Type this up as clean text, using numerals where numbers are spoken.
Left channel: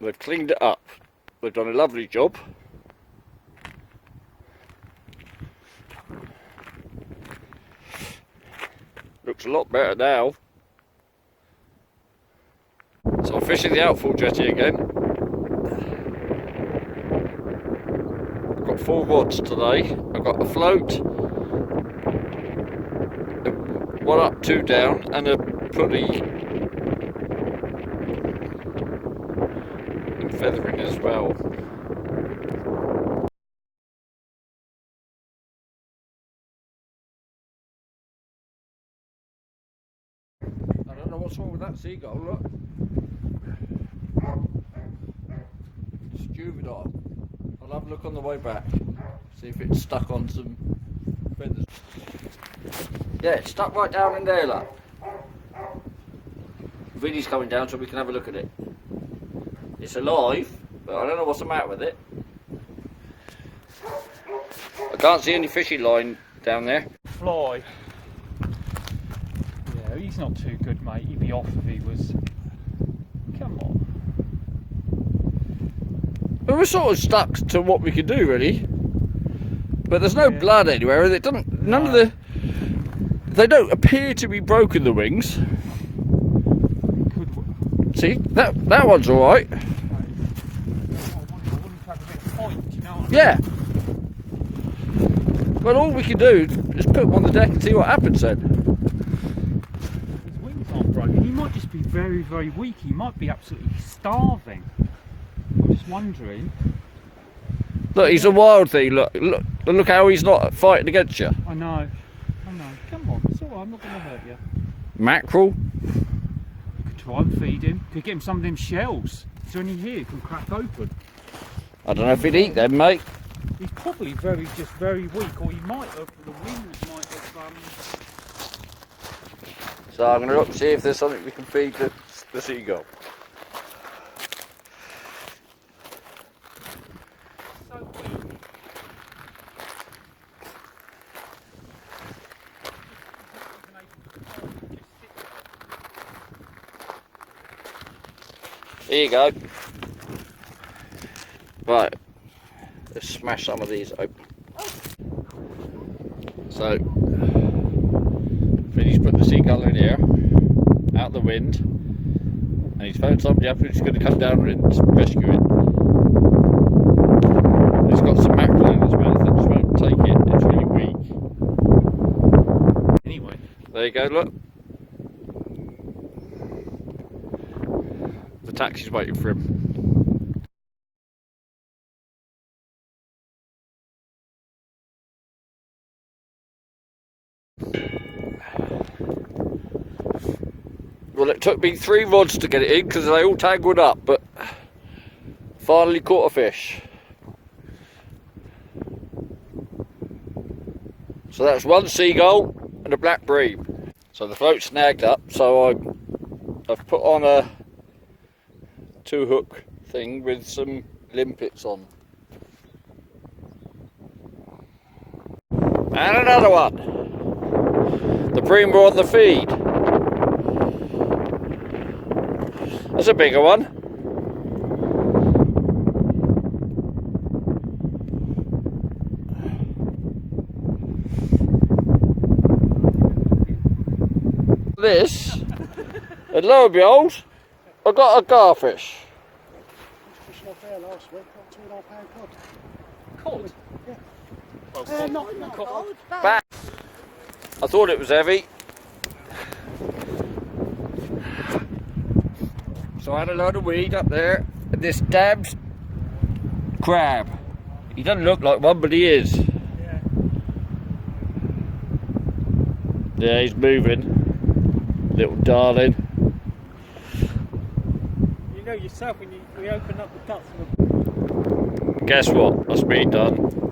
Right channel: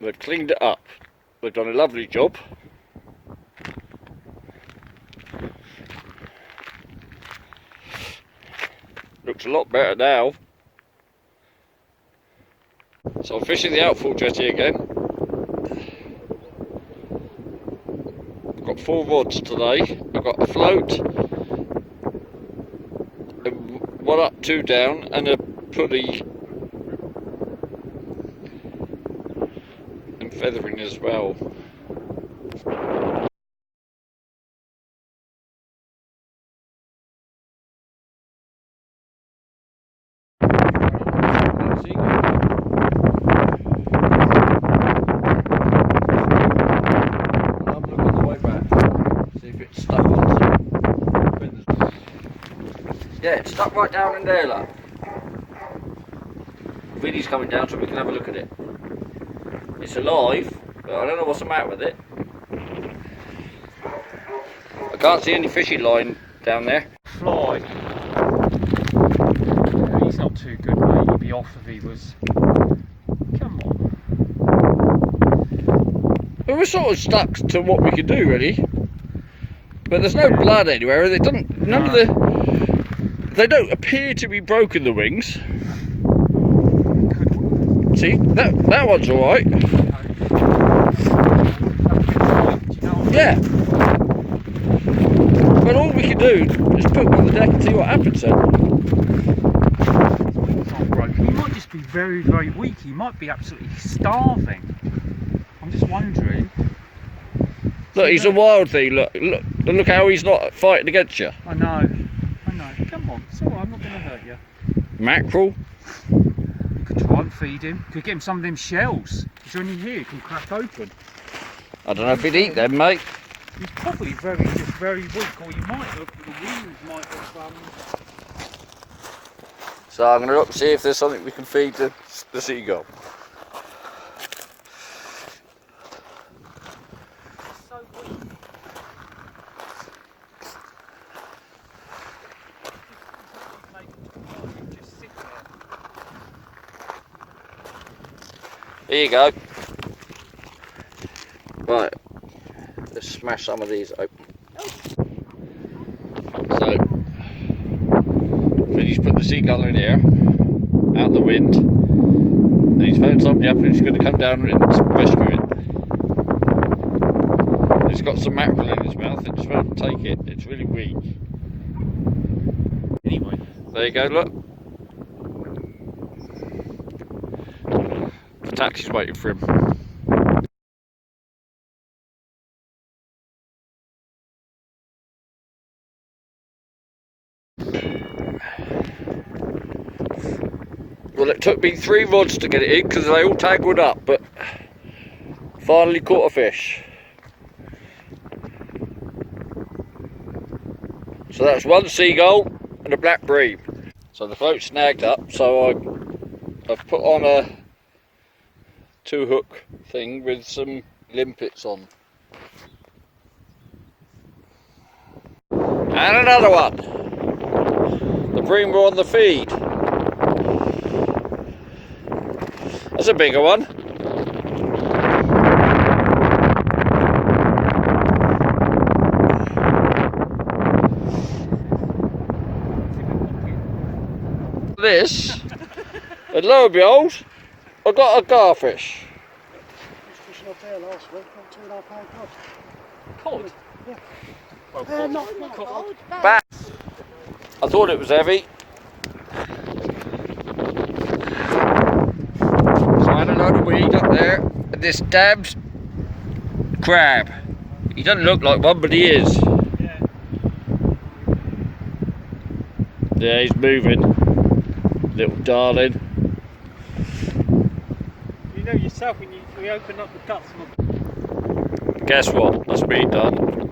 We've cleaned it up. We've done a lovely job. Looks a lot better now. So I'm fishing the outfall jetty again. I've got 4 rods today. I've got a float, 1 up, 2 down, and a pulley and feathering as well. See if it's stuck on some feathers. Yeah, it's stuck right down in there, look. Vinny's coming down so we can have a look at it. It's alive, but I don't know what's the matter with it. I can't see any fishing line down there. Fly. Yeah, he's not too good, mate. He'd be off if he was. Come on. Well, we're sort of stuck to what we can do, really. But there's no blood anywhere. It doesn't. None of the. They don't appear to be broken. The wings. See, that one's all right. Yeah. But all we can do is put him on the deck and see what happens then. He might just be very, very weak. He might be absolutely starving. I'm just wondering. Look, he's a wild thing. Look how he's not fighting against you. I know. Come on, it's alright, I'm not going to hurt you. Mackerel. You could try and feed him. Could get him some of them shells. Is there any here you can crack open? I don't know if he'd eat them, mate. He's probably just very weak, or he might have, the wounds might have. So I'm going to look and see if there's something we can feed the seagull. There you go. Right, let's smash some of these open. So, Vinny's put the seagull in here, out the wind, and he's phoned somebody up who's going to come down and rescue it. He's got some mackerel in his mouth, it just won't take it, it's really weak. Anyway. There you go, look. The taxi's waiting for him. Well, it took me 3 rods to get it in because they all tangled up, but finally caught a fish. So that's 1 seagull and a black bream. So the float's snagged up, so I've put on a 2-hook thing with some limpets on. And another one. The bream were on the feed. That's a bigger one. This, and lo and behold, I got a garfish. Fishing up there last week, got £2.5 cod. Cod? Yeah. Oh, not cod. Back. I thought it was heavy. So I had a load of weed up there, and this damned crab. He doesn't look like one, but he is. Yeah. Yeah, he's moving. Little darling. You know yourself when we open up the guts of a... Guess what? That's me done.